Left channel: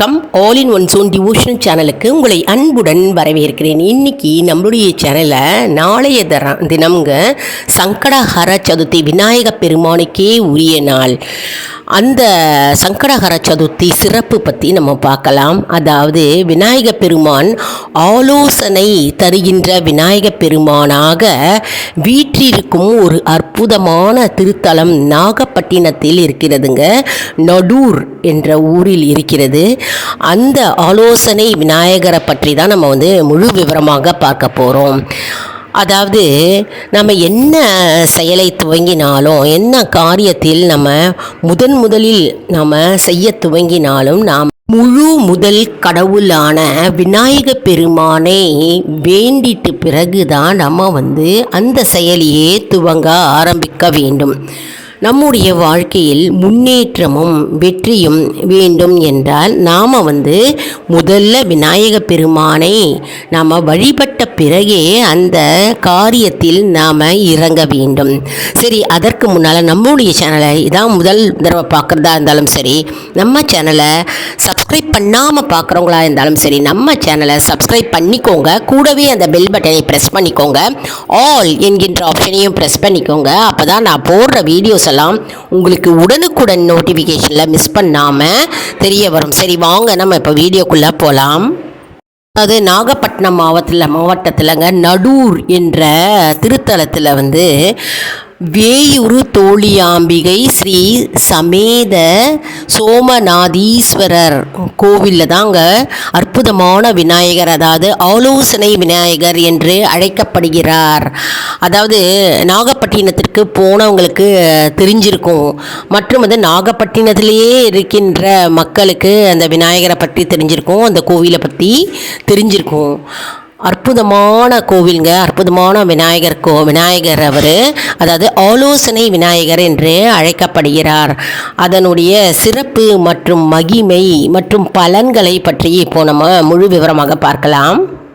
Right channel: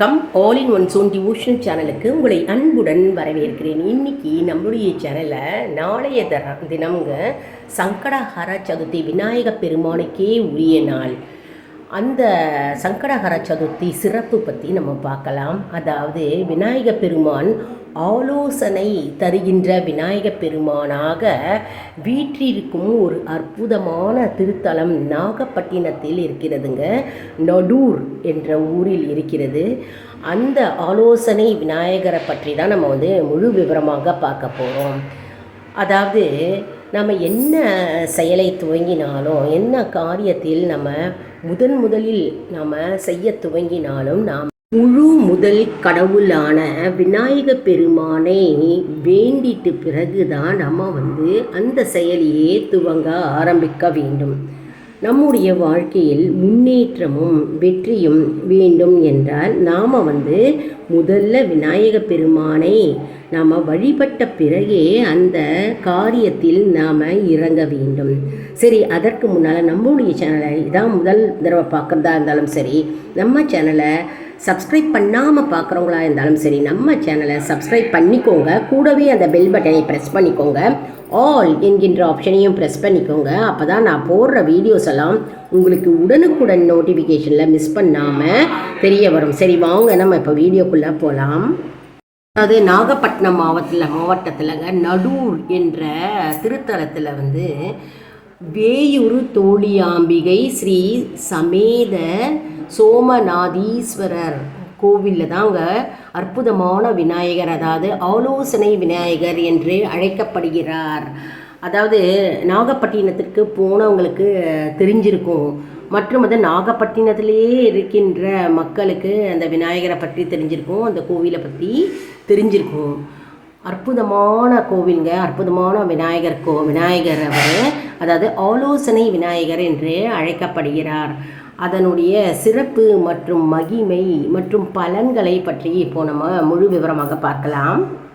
வணக்கம். All in one zone devotion சேனலுக்கு உங்களை அன்புடன் வரவேற்கிறேன். இன்னைக்கு நம்மளுடைய சேனலை நாளைய தர தினம்ங்க சங்கடஹர சதுர்த்தி விநாயக பெருமானுக்கே உரிய நாள். அந்த சங்கடகர சதுர்த்தி சிறப்பு பற்றி நம்ம பார்க்கலாம். அதாவது விநாயக பெருமான் ஆலோசனை தருகின்ற விநாயக பெருமானாக வீற்றிருக்கும் ஒரு அற்புதமான திருத்தலம் நாகப்பட்டினத்தில் இருக்கிறதுங்க. நடூர் என்ற ஊரில் இருக்கிறது. அந்த ஆலோசனை விநாயகரை பற்றி தான் நம்ம வந்து முழு விவரமாக பார்க்க போகிறோம் அதாவது நம்ம என்ன செயலை துவங்கினாலும் என்ன காரியத்தில் நம்ம முதன் முதலில் நம்ம செய்ய துவங்கினாலும் நாம் முழு முதல் கடவுளான விநாயக பெருமானை வேண்டிட்டு பிறகுதான் நம்ம வந்து அந்த செயலியே துவங்க ஆரம்பிக்க வேண்டும். நம்முடைய வாழ்க்கையில் முன்னேற்றமும் வெற்றியும் வேண்டும் என்றால் நாம் வந்து முதல்ல விநாயக பெருமானை நாம் வழிபட்ட பிறகே அந்த காரியத்தில் நாம் இறங்க வேண்டும். சரி அதற்கு முன்னால் நம்முடைய சேனலை இதான் முதல் தடவை பார்க்குறதா இருந்தாலும் சரி நம்ம சேனலை சப்ஸ்கிரைப் பண்ணாமல் பார்க்குறவங்களா இருந்தாலும் சரி நம்ம சேனலை சப்ஸ்கிரைப் பண்ணிக்கோங்க. கூடவே அந்த பெல் பட்டனை ப்ரெஸ் பண்ணிக்கோங்க. ஆல் என்கின்ற ஆப்ஷனையும் ப்ரெஸ் பண்ணிக்கோங்க. அப்போ தான் நான் போடுற வீடியோஸ் எல்லாம் உங்களுக்கு உடனுக்குடன் நோட்டிஃபிகேஷனில் மிஸ் பண்ணாமல் தெரிய வரும். சரி வாங்க நம்ம இப்போ வீடியோக்குள்ளே போகலாம் அது நாகப்பட்டினம் மாவட்டத்தில் மாவட்டத்தில்ங்க நடூர் என்ற திருத்தலத்தில் வந்து வேயூரு தோழியாம்பிகை ஸ்ரீ சமேத சோமநாதீஸ்வரர் கோவிலில் தாங்க அற்புதமான விநாயகர் அதாவது ஆலோசனை விநாயகர் என்று அழைக்கப்படுகிறார். அதாவது நாகப்பட்டினத்திற்கு போனவங்களுக்கு தெரிஞ்சிருக்கும். மற்றும் வந்து நாகப்பட்டினத்திலேயே இருக்கின்ற மக்களுக்கு அந்த விநாயகரை பற்றி தெரிஞ்சிருக்கும் அந்த கோவிலை பற்றி தெரிஞ்சிருக்கும். அற்புதமான கோவிலுங்க. அற்புதமான விநாயகர் கோ விநாயகர் அவர். அதாவது ஆலோசனை விநாயகர் என்று அழைக்கப்படுகிறார். அதனுடைய சிறப்பு மற்றும் மகிமை மற்றும் பலன்களை பற்றி இப்போ நம்ம முழு விவரமாக பார்க்கலாம்.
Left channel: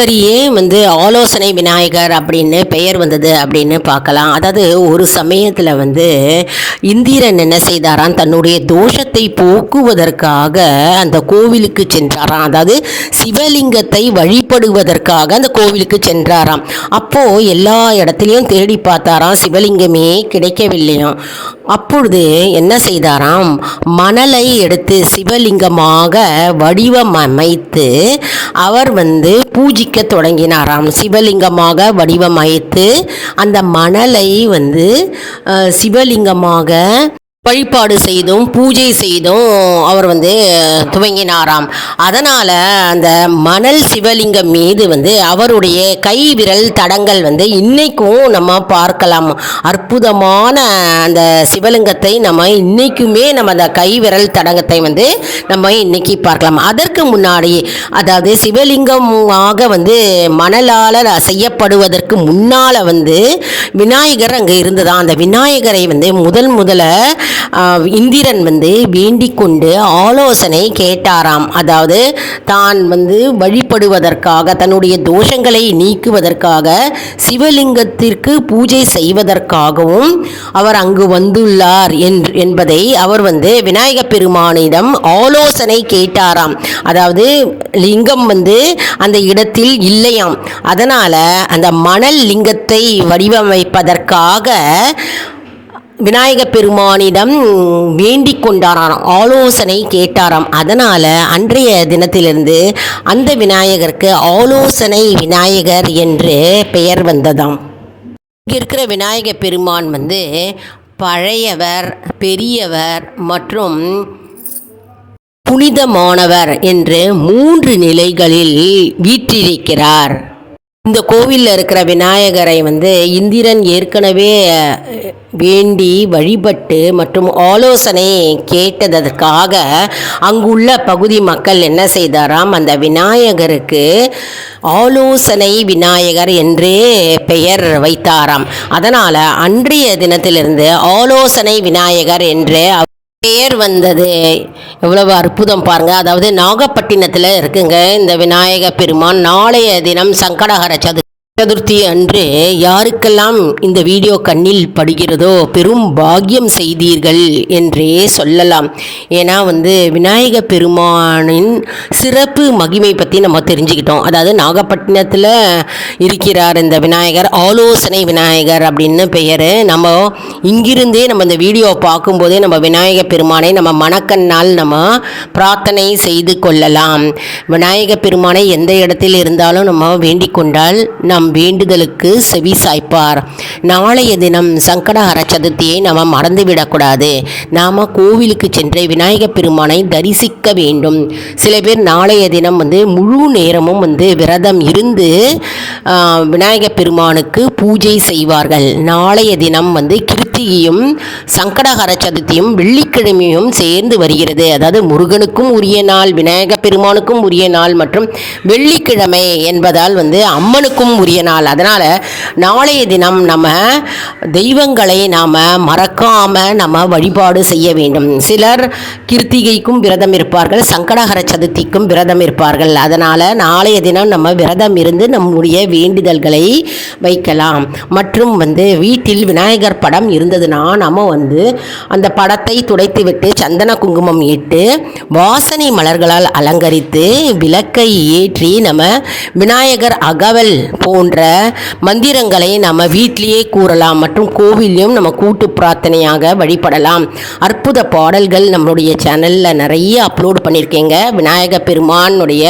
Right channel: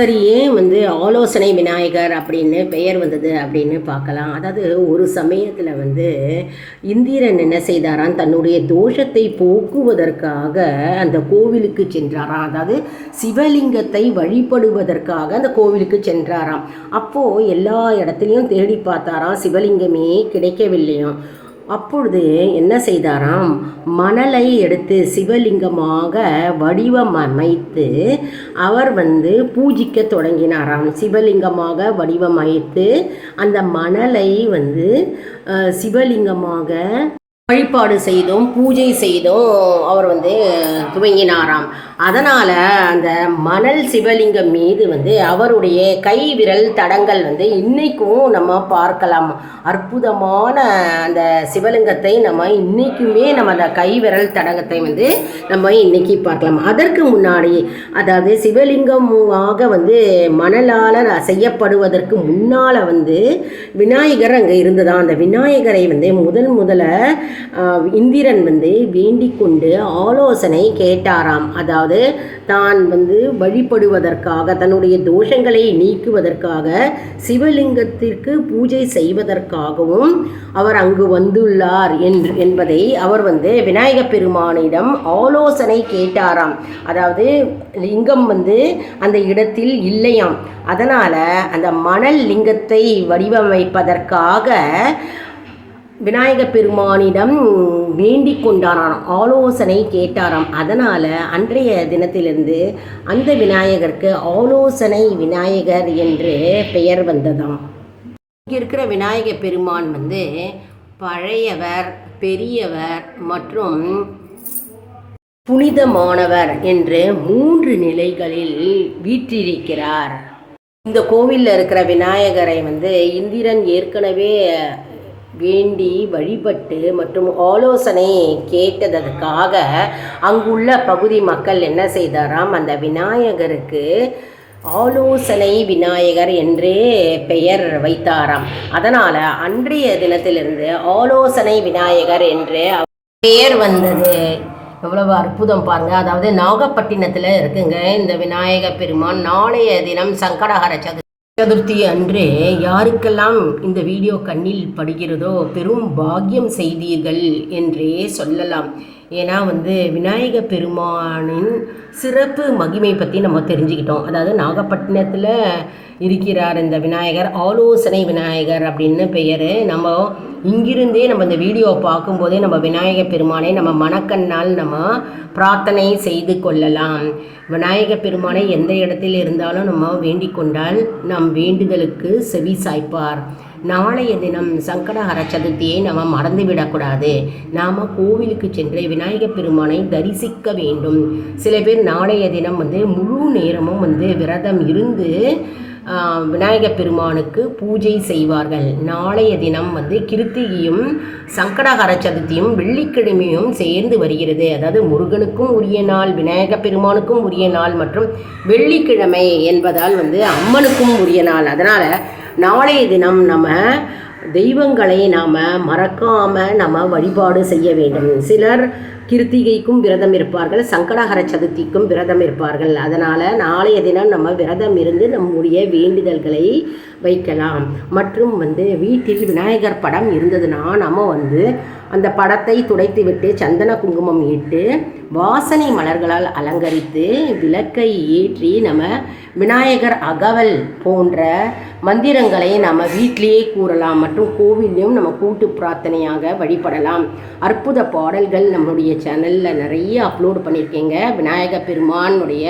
சரி ஏன் வந்து ஆலோசனை விநாயகர் அப்படின்னு பெயர் வந்தது அப்படின்னு பார்க்கலாம். அதாவது ஒரு சமயத்தில் வந்து இந்திரன் என்ன செய்தாராம்? தன்னுடைய தோஷத்தை போக்குவதற்காக அந்த கோவிலுக்கு சென்றாராம். அதாவது சிவலிங்கத்தை வழிபடுவதற்காக அந்த கோவிலுக்கு சென்றாராம். அப்போது எல்லா இடத்துலையும் தேடி பார்த்தாராம். சிவலிங்கமே கிடைக்கவில்லையாம். அப்பொழுது என்ன செய்தாராம்? மணலை எடுத்து சிவலிங்கமாக வடிவமைத்து அவர் வந்து பூஜிக்க தொடங்கினாராம். சிவலிங்கமாக வடிவமைத்து அந்த மணலை வந்து சிவலிங்கமாக வழிபாடு செய்தும் பூஜை செய்தும் அவர் வந்து துவங்கினாராம். அதனால் அந்த மணல் சிவலிங்கம் மீது வந்து அவருடைய கை விரல் தடங்கள் வந்து இன்னைக்கும் நம்ம பார்க்கலாம். அற்புதமான அந்த சிவலிங்கத்தை நம்ம இன்னைக்குமே நம்ம அந்த கை விரல் தடங்கத்தை வந்து நம்ம இன்னைக்கு பார்க்கலாம். அதற்கு முன்னாடி அதாவது சிவலிங்கமாக வந்து மணலால் செய்யப்படுவதற்கு முன்னால் வந்து விநாயகர் அங்கே இருந்ததான். அந்த விநாயகரை வந்து முதல் முதல்ல இந்திரன் வந்து வேண்டிக் கொண்டு ஆலோசனை கேட்டாராம். அதாவது தான் வந்து வழிபடுவதற்காக தன்னுடைய தோஷங்களை நீக்குவதற்காக சிவலிங்கத்திற்கு பூஜை செய்வதற்காகவும் அவர் அங்கு வந்துள்ளார் என்று என்பதை அவர் வந்து விநாயக பெருமானிடம் ஆலோசனை கேட்டாராம். அதாவது லிங்கம் வந்து அந்த இடத்தில் இல்லையாம். அதனால் அந்த மணல் லிங்கத்தை வடிவமைப்பதற்காக விநாயக பெருமானிடம் வேண்டிக் கொண்டாராம் ஆலோசனை கேட்டாராம். அதனால் அன்றைய தினத்திலிருந்து அந்த விநாயகருக்கு ஆலோசனை விநாயகர் என்று பெயர் வந்ததாம். இங்கே இருக்கிற விநாயக பெருமான் வந்து பழையவர் பெரியவர் மற்றும் புனிதமானவர் என்று மூன்று நிலைகளில் வீற்றிருக்கிறார். இந்த கோவிலில் இருக்கிற விநாயகரை வந்து இந்திரன் ஏற்கனவே வேண்டி வழிபட்டு மற்றும் ஆலோசனை கேட்டதற்காக அங்குள்ள பகுதி மக்கள் என்ன செய்தாராம்? அந்த விநாயகருக்கு ஆலோசனை விநாயகர் என்றே பெயர் வைத்தாராம். அதனால் அன்றைய தினத்திலிருந்து ஆலோசனை விநாயகர் என்று பெயர் வந்தது. எவ்வளவு அற்புதம் பாருங்க. அதாவது நாகப்பட்டினத்தில் இருக்குங்க இந்த விநாயக பெருமான். நாளைய தினம் சங்கடகர சதுர்த்தி. சதுர்த்தி அன்று யாருக்கெல்லாம் இந்த வீடியோ கண்ணில் படுகிறதோ பெரும் பாக்கியம் செய்தீர்கள் என்றே சொல்லலாம். ஏன்னா வந்து விநாயக பெருமானின் சிறப்பு மகிமை பற்றி நம்ம தெரிஞ்சுக்கிட்டோம். அதாவது நாகப்பட்டினத்தில் இருக்கிறார் இந்த விநாயகர் ஆலோசனை விநாயகர் அப்படின்னு பெயர். நம்ம இங்கிருந்தே நம்ம இந்த வீடியோ பார்க்கும்போதே நம்ம விநாயக பெருமானை நம்ம மனக்கண்ணால் நம்ம பிரார்த்தனை செய்து கொள்ளலாம். விநாயக பெருமானை எந்த இடத்தில் இருந்தாலும் நம்ம வேண்டிக் கொண்டால் நம் வேண்டுதலுக்கு செவி சாய்ப்பார். நாளைய தினம் சங்கடஹர சதுர்த்தியை நாம் மறந்துவிடக்கூடாது. நாம் கோவிலுக்கு சென்று விநாயக பெருமானை தரிசிக்க வேண்டும். சில பேர் நாளைய தினம் வந்து முழு நேரமும் வந்து விரதம் இருந்து விநாயக பெருமானுக்கு பூஜை செய்வார்கள். நாளைய தினம் வந்து கிருத்திகையும் சங்கடஹர சதுர்த்தியும் வெள்ளிக்கிழமையும் சேர்ந்து வருகிறது. அதாவது முருகனுக்கும் உரிய நாள் விநாயகப் பெருமானுக்கும் உரிய நாள் மற்றும் வெள்ளிக்கிழமை என்பதால் வந்து அம்மனுக்கும் உரிய நாள். அதனால் நாளைய தினம் நம்ம தெய்வங்களை நாம் மறக்காமல் நம்ம வழிபாடு செய்ய வேண்டும். சிலர் கிருத்திகைக்கும் விரதம் இருப்பார்கள் சங்கடஹர சதுர்த்திக்கும் விரதம் இருப்பார்கள். அதனால் நாளைய தினம் நம்ம விரதம் இருந்து நம்முடைய வேண்டுதல்களை வைக்கலாம். மற்றும் வந்து வீட்டில் விநாயகர் படம் இருந்ததுன்னா நம்ம வந்து அந்த படத்தை துடைத்துவிட்டு சந்தன குங்குமம் இட்டு வாசனை மலர்களால் அலங்கரித்து விளக்கை ஏற்றி நம்ம விநாயகர் அகவல் போன்ற மந்திரங்களை நம்ம வீட்டிலேயே கூறலாம் மற்றும் கோவிலையும் நம்ம கூட்டு பிரார்த்தனையாக வழிபடலாம். அற்புத பாடல்கள் நம்மளுடைய சேனலில் நிறைய அப்லோட் பண்ணியிருக்கேங்க. விநாயக பெருமானுடைய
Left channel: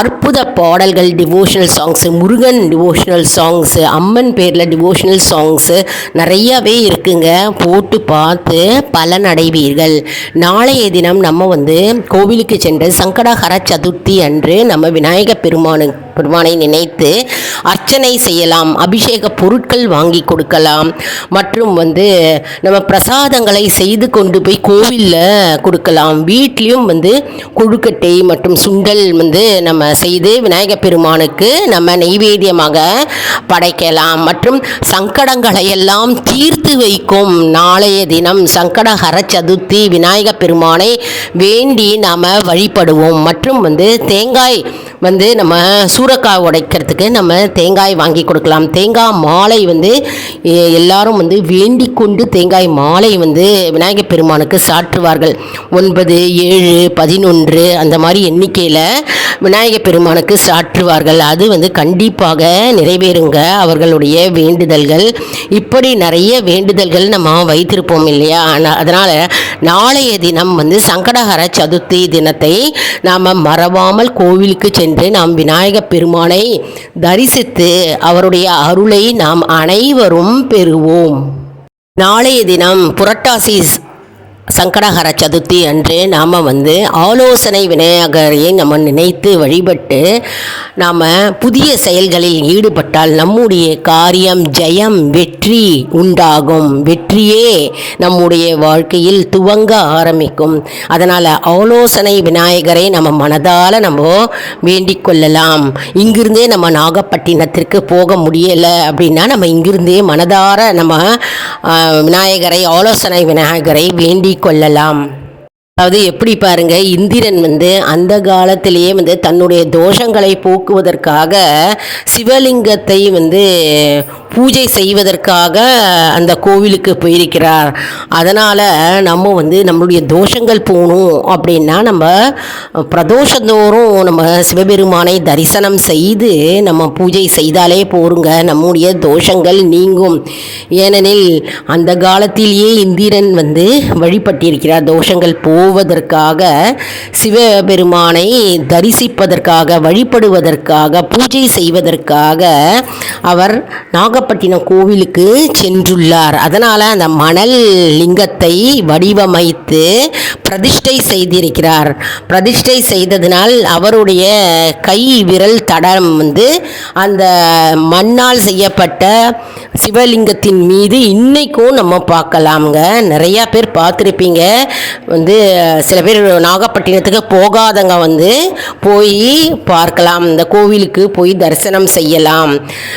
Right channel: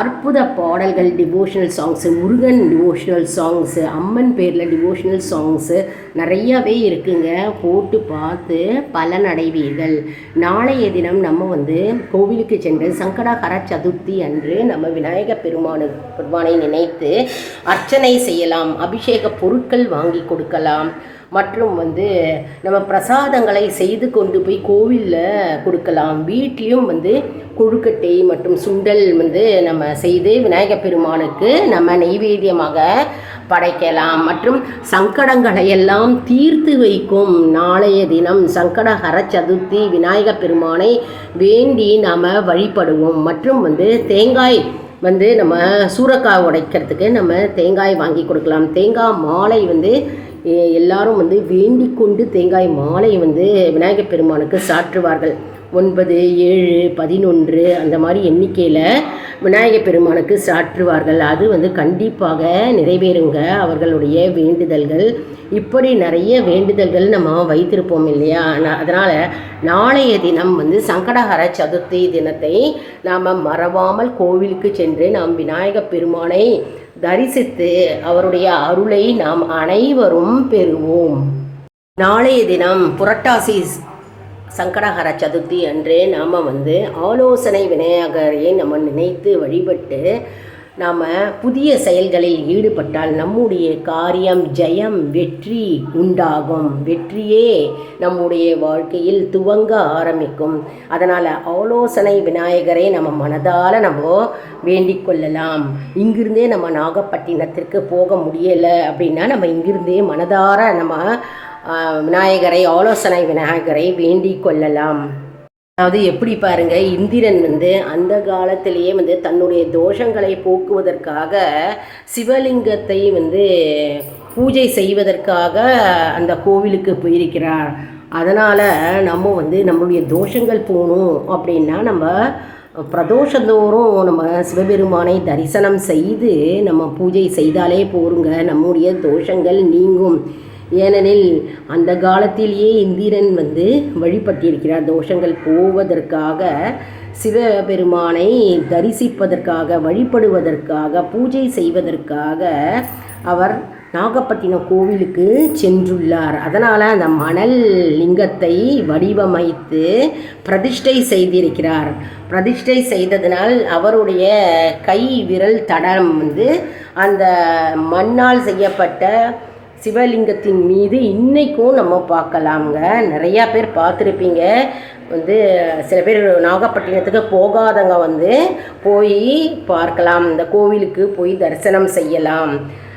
அற்புத பாடல்கள் devotional songs Murugan devotional songs Amman பேரில் டிவோஷனல் சாங்ஸு நிறையாவே இருக்குங்க. போட்டு பார்த்து பலன் அடைவீர்கள் நாளைய தினம் நம்ம வந்து கோவிலுக்கு சென்று சங்கடஹர சதுர்த்தி அன்று நம்ம விநாயக பெருமானு பெருமானை நினைத்து அர்ச்சனை செய்யலாம் அபிஷேக பொருட்கள் வாங்கி கொடுக்கலாம். மற்றும் வந்து நம்ம பிரசாதங்களை செய்து கொண்டு போய் கோவிலில் கொடுக்கலாம். வீட்லேயும் வந்து கொழுக்கட்டை மற்றும் சுண்டல் வந்து நம்ம செய்து விநாயகர் பெருமானுக்கு நம்ம நெய்வேத்தியமாக படைக்கலாம். மற்றும் சங்கடங்களை எல்லாம் தீர்த்து வைக்கும் நாளைய தினம் சங்கடஹர சதுர்த்தி விநாயக பெருமானை வேண்டி நாம் வழிபடுவோம். மற்றும் வந்து தேங்காய் வந்து நம்ம சூறக்காய் உடைக்கிறதுக்கு நம்ம தேங்காய் வாங்கி கொடுக்கலாம். தேங்காய் மாலை வந்து எ- எல்லாரும் வந்து வேண்டிக் கொண்டு தேங்காய் மாலை வந்து விநாயகர் பெருமானுக்கு சாற்றுவார்கள். ஒன்பது ஏழு பதினொன்று அந்த மாதிரி எண்ணிக்கையில் விநாயகர் பெருமானுக்கு சாற்றுவார்கள். அது வந்து கண்டிப்பாக நிறைவேறுங்க அவர்களுடைய வேண்டுதல்கள். இப்படி நிறைய வேண்டுதல்கள் நம்ம வைத்திருப்போம் இல்லையா? அதனால் நாளைய தினம் வந்து சங்கடகர சதுர்த்தி தினத்தை நாம் மறவாமல் கோவிலுக்கு சென்று நாம் விநாயகப் பெருமானை தரிசித்து அவருடைய அருளை நாம் அனைவரும் பெறுவோம். நாளைய தினம் புரட்டாசி சங்கடகர சதுர்த்தி அன்று நாம் வந்து ஆலோசனை விநாயகரை நம்ம நினைத்து வழிபட்டு நாம் புதிய செயல்களில் ஈடுபட்டால் நம்முடைய காரியம் ஜெயம் வெற்றி உண்டாகும். வெற்றியே நம்முடைய வாழ்க்கையில் துவங்க ஆரம்பிக்கும். அதனால் ஆலோசனை விநாயகரை நம்ம மனதால் நம்ம வேண்டிக் கொள்ளலாம். இங்கிருந்தே நம்ம நாகப்பட்டினத்திற்கு போக முடியலை அப்படின்னா நம்ம இங்கிருந்தே மனதார நம்ம விநாயகரை ஆலோசனை விநாயகரை வேண்டிக் கொள்ளலாம். அதாவது எப்படி பாருங்க இந்திரன் வந்து அந்த காலத்திலேயே வந்து தன்னுடைய தோஷங்களை போக்குவதற்காக சிவலிங்கத்தை வந்து பூஜை செய்வதற்காக அந்த கோவிலுக்கு போயிருக்கிறார். அதனால் நம்ம வந்து நம்மளுடைய தோஷங்கள் போகணும் அப்படின்னா நம்ம பிரதோஷந்தோறும் நம்ம சிவபெருமானை தரிசனம் செய்து நம்ம பூஜை செய்தாலே போருங்க நம்முடைய தோஷங்கள் நீங்கும். ஏனெனில் அந்த காலத்திலேயே இந்திரன் வந்து வழிபட்டிருக்கிறார் தோஷங்கள் போ போவதற்காக சிவபெருமானை தரிசிப்பதற்காக வழிபடுவதற்காக பூஜை செய்வதற்காக அவர் நாகப்பட்டினம் கோவிலுக்கு சென்றுள்ளார். அதனால் அந்த மணல் லிங்கத்தை வடிவமைத்து பிரதிஷ்டை செய்திருக்கிறார். பிரதிஷ்டை செய்ததினால் அவருடைய கை விரல் தடம் வந்து அந்த மண்ணால் செய்யப்பட்ட சிவலிங்கத்தின் மீது இன்னைக்கும் நம்ம பார்க்கலாம்ங்க. நிறையா பேர் பார்த்துருப்பீங்க. வந்து சில பேர் நாகப்பட்டினத்துக்கு போகாதவங்க வந்து போய் பார்க்கலாம். இந்த கோவிலுக்கு போய் தரிசனம் செய்யலாம்.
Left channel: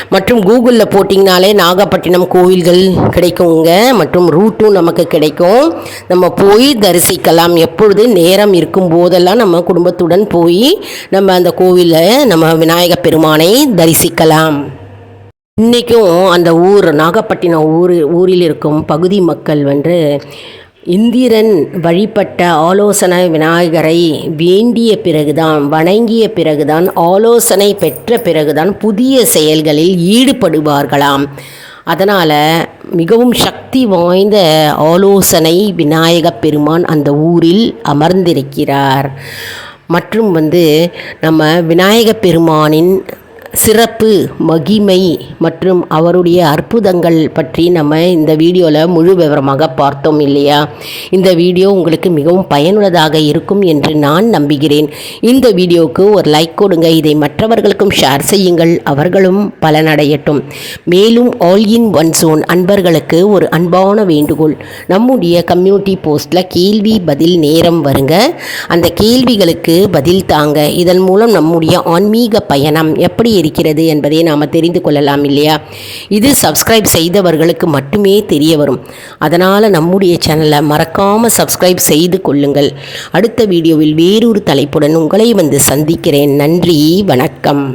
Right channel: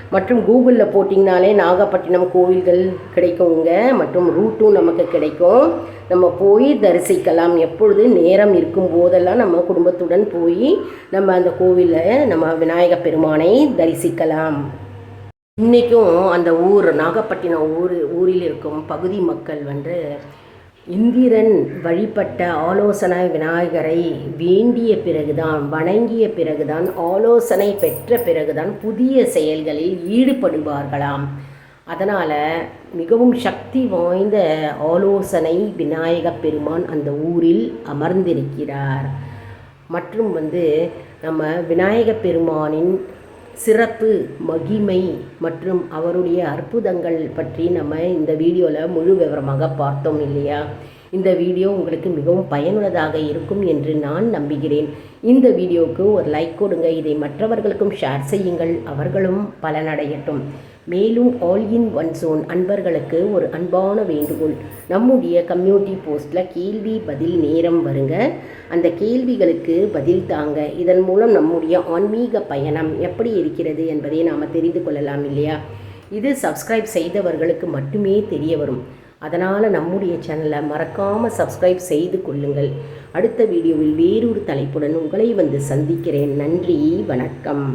மற்றும் கூகுளில் போட்டிங்கனாலே நாகப்பட்டினம் கோவில்கள் கிடைக்குங்க. மற்றும் ரூட்டும் நமக்கு கிடைக்கும். நம்ம போய் தரிசிக்கலாம். எப்பொழுது நேரம் இருக்கும் போதெல்லாம் நம்ம குடும்பத்துடன் போய் நம்ம அந்த கோவிலை நம்ம விநாயகப் பெருமானை தரிசிக்கலாம். இன்றைக்கும் அந்த ஊர் நாகப்பட்டினம் ஊர் ஊரில் இருக்கும் பகுதி மக்கள் வந்து இந்திரன் வழிபட்ட ஆலோசனை விநாயகரை வேண்டிய பிறகுதான் வணங்கிய பிறகுதான் ஆலோசனை பெற்ற பிறகுதான் புதிய செயல்களில் ஈடுபடுவார்களாம். அதனால் மிகவும் சக்தி வாய்ந்த ஆலோசனை விநாயகப் பெருமான் அந்த ஊரில் அமர்ந்திருக்கிறார். மற்றும் வந்து நம்ம விநாயக பெருமானின் சிறப்பு மகிமை மற்றும் அவருடைய அற்புதங்கள் பற்றி நம்ம இந்த வீடியோவில் முழு விவரமாக பார்த்தோம் இல்லையா? இந்த வீடியோ உங்களுக்கு மிகவும் பயனுள்ளதாக இருக்கும் என்று நான் நம்புகிறேன். இந்த வீடியோவுக்கு ஒரு லைக் கொடுங்க. இதை மற்றவர்களுக்கும் ஷேர் செய்யுங்கள். அவர்களும் பலனடையட்டும். மேலும் ஆல் இன் ஒன் சோன் அன்பர்களுக்கு ஒரு அன்பான வேண்டுகோள். நம்முடைய கம்யூனிட்டி போஸ்ட்டில் கேள்வி பதில் நேரம் வருங்க. அந்த கேள்விகளுக்கு பதில் தாங்க. இதன் மூலம் நம்முடைய ஆன்மீக பயணம் எப்படி இருக்கிறது என்பதை நாம் தெரிந்து கொள்ளலாம் இல்லையா? இது சப்ஸ்கிரைப் செய்தவர்களுக்கு மட்டுமே தெரிய வரும். அதனால் நம்முடைய சேனலை மறக்காமல் சப்ஸ்கிரைப் செய்து கொள்ளுங்கள். அடுத்த வீடியோவில் வேறொரு தலைப்புடன் உங்களை வந்து சந்திக்கிறேன். நன்றி வணக்கம்.